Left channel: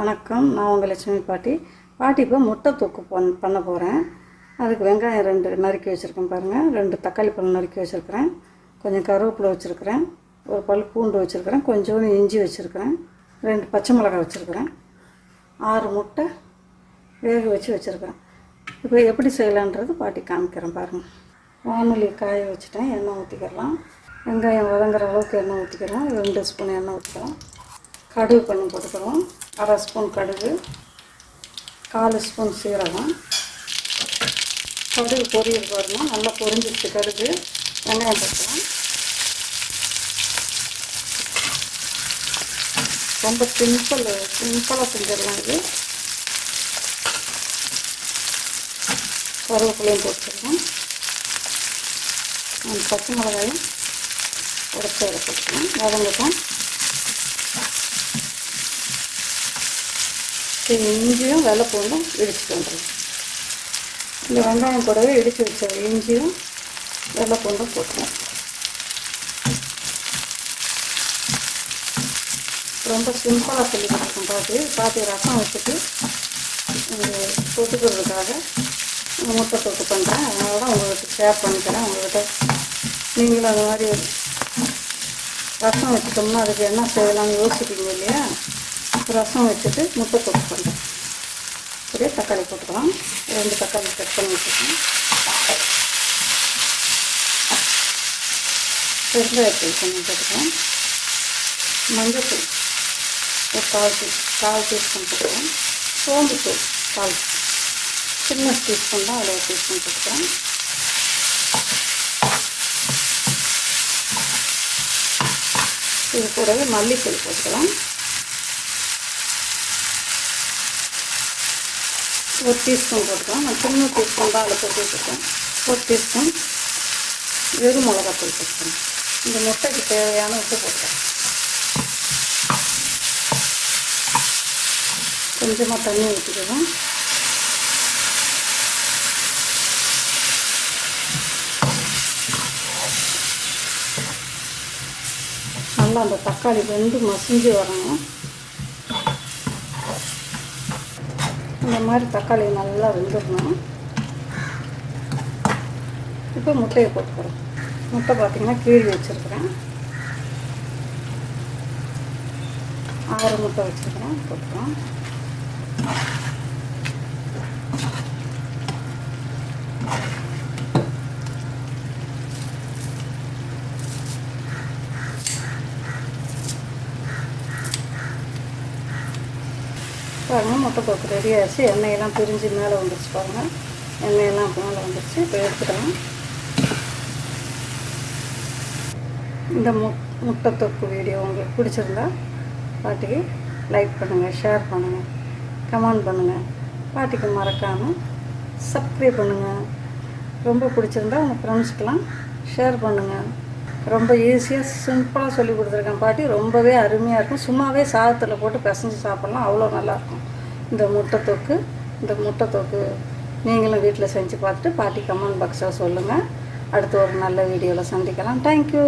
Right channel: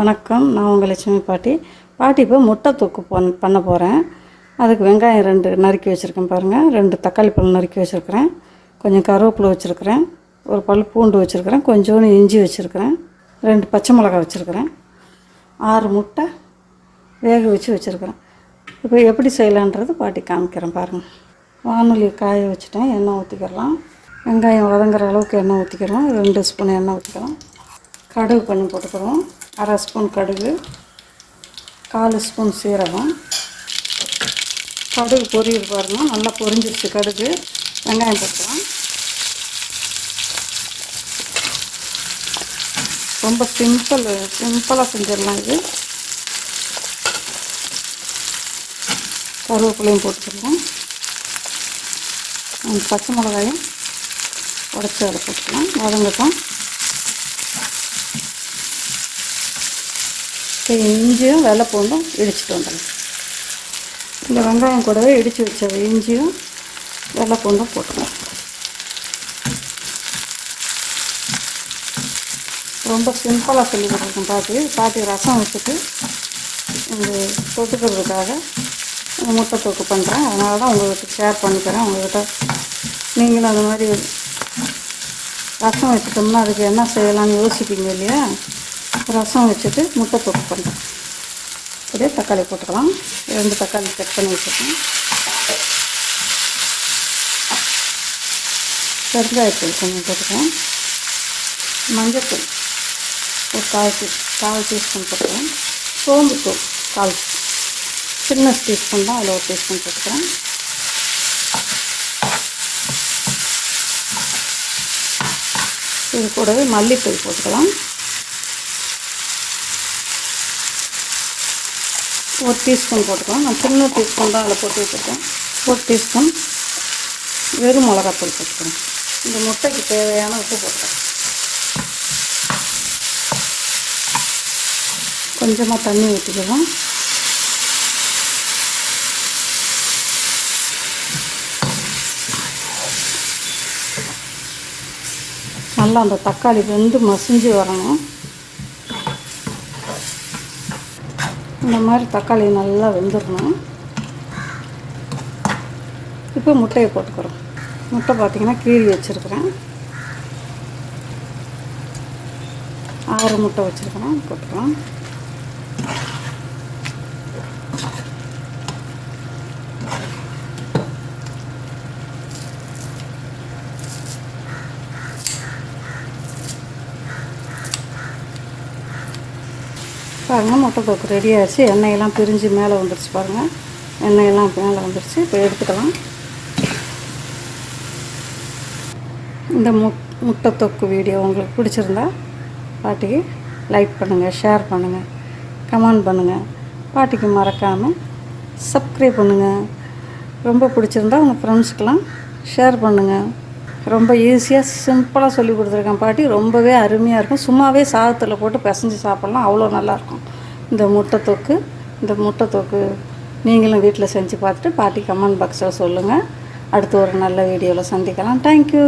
வணக்கம். நான் உங்கள் லட்சுமி பாட்டி. பாட்டி இப்போ முட்டை தொக்கு பண் பண்ண போகிறேன் அதுக்கு வெங்காயம் ரெண்டு நறுக்கி வச்சுருக்கேன் பாருங்கள் ரெண்டு தக்காளி பழம் நறுக்கி வச்சுருக்கிறேன். கொஞ்சம் கருவேப்பிலை வச்சுருக்கிறேன். ஒரு பல் பூண்டு வச்சுருக்கிறேன். கொஞ்சோண்டு இஞ்சி வச்சுருக்கிறேன். ரெண்டு பச்சை மிளகாய் வச்சுருக்கிறேன். ஆறு முட்டை வேக வச்சு வச்சுருக்கிறேன். இப்போ எப்படி செய்யலான்றது பாட்டி காமிக்கிறேன் பாருங்கள் வானொலி காய வச்சுட்டேன். எண்ணெய் ஊற்றிக்கிறலாம் வெங்காயம் வதங்குற அளவுக்கு எண்ணெய் ஊற்றிக்கிறலாம் ரெண்டு ஸ்பூன் எண்ணெய் ஊற்றிக்கலாம் கடுகு பண்ணி போட்டுக்கிறோம். அரை ஸ்பூன் கடுகு கால் ஸ்பூன் சீரகம். கடுகு பொரியுது பாருங்கள் நல்லா பொரிஞ்சிருச்சு கடுகு. வெங்காயம் போட்டுக்கலாம். ரொம்ப சிம்பிள் சிம்பிளாக செஞ்சிடலாம் இது. கருவேப்பிலையும் போட்டுக்கலாம். பச்சை மிளகாயும் உடச்சி அதை போட்டுக்கலாம். வதங்கட்டும். இது இஞ்சியும் வெள்ளை பூண்டும் இடிச்சிட்டு வந்துடும் இந்த வெங்காயம் கூடவே இடித்து வச்ச இஞ்சியும் வெள்ளை பூண்டும் போட்டுருவோம் ரொம்ப சிம்பிளாக சொல்லி கொடுக்கும் பாட்டி. பாட்டி ரசம் வச்சுட்டு இந்த தொட்டுக்கிறதுக்காக முட்டை தொட்டு பண்ணுறேன் அதனால தான் உங்களுக்கு ஷேர் பண்ணிக்கிறேன் உங்கள்கிட்ட நீங்களும் அந்த மாதிரி ரசம் வச்சுட்டோம்னா அதுக்கு என்ன செய்யலாம்னு யோசிப்பீங்க இல்லையா? ரசம் வச்சுட்டு முட்டை போட்டு பண்ணுறோம் அப்படியே தக்காளி போட்டுக்கலாம். ரெண்டு தக்காளி கட் பண்ணி வச்சுருக்கோம் வெங்காயத்தூள் கொஞ்சம் போட்டுக்கலாம். மஞ்சத்தூள் ஒரு கால் டீ கால் டீஸ்பூன் போட்டுக்கலாம். சோம்புத்தூள் கால் சின்ன டீஸ்பூன் தான் அதில் ஒரு டீஸ்பூன் போட்டுக்கலாம். இது கூடவே மல்லித்தூள் போட்டுக்கலாம். ஒரு டீஸ்பூன் போட்டுக்கலாம். நான் சின்ன டீஸ்பூன் தான் அதில் போட்டு வச்சுருக்கேன். ஒரு டீஸ்பூன் வெறும் மிளகாத்தூள் போட்டுக்கிறேன் இந்த முட்டைக்கு தேவையான உப்பு போட்டுக்கிறேன் கொஞ்சமாக தண்ணி ஊற்றிக்கலாம் நல்லா அந்த தக்காளி வந்து மசிஞ்சு வரணும். இந்த மாதிரி தக்காளி நல்லா வெந்துடணும். இப்போ முட்டையை போட்டுக்கிறோம். முட்டை பார்த்திங்கன்னா கீழி வச்சுருக்குறேன். ஆறு முட்டை வச்சுருக்கிறேன். போட்டுக்கலாம். பாருங்கள் முட்டை தொக்கு ரெடி ஆச்சு எண்ணெயெல்லாம் பிரிஞ்சு மேலே வந்துருச்சு பாருங்கள் எண்ணெயெல்லாம் மேலே வந்துருச்சு. இப்போ எடுத்துக்கலாம். இந்த மு முட்டை தொக்கு வீடியோ உங்களுக்கு பிடிச்சிருந்தா பாட்டிக்கு லைக் பண்ணுங்கள் ஷேர் பண்ணுங்கள் கமெண்ட் பண்ணுங்கள் பாட்டிக்கு மறக்காமல் சப்ஸ்கிரைப் பண்ணுங்கள் ரொம்ப பிடிச்சிருந்தா உங்கள் ஃப்ரெண்ட்ஸ்க்கெலாம் ஷேர் பண்ணுங்கள் ரொம்ப ஈஸியாக சிம்பிளாக சொல்லி கொடுத்துருக்கேன் பாட்டி. ரொம்பவே அருமையாக இருக்கும். சும்மாவே சாதத்தில் போட்டு பிசைஞ்சு சாப்பிட்லாம். அவ்வளோ நல்லாயிருக்கும் இந்த முட்டை தொக்கு இந்த முட்டை தொக்கு நீங்களும் வீட்டில் செஞ்சு பார்த்துட்டு பாட்டி கமெண்ட் பாக்ஸில் சொல்லுங்கள் அடுத்து ஒரு நல்ல வீடியோவில் சந்திக்கலாம். தேங்க்யூ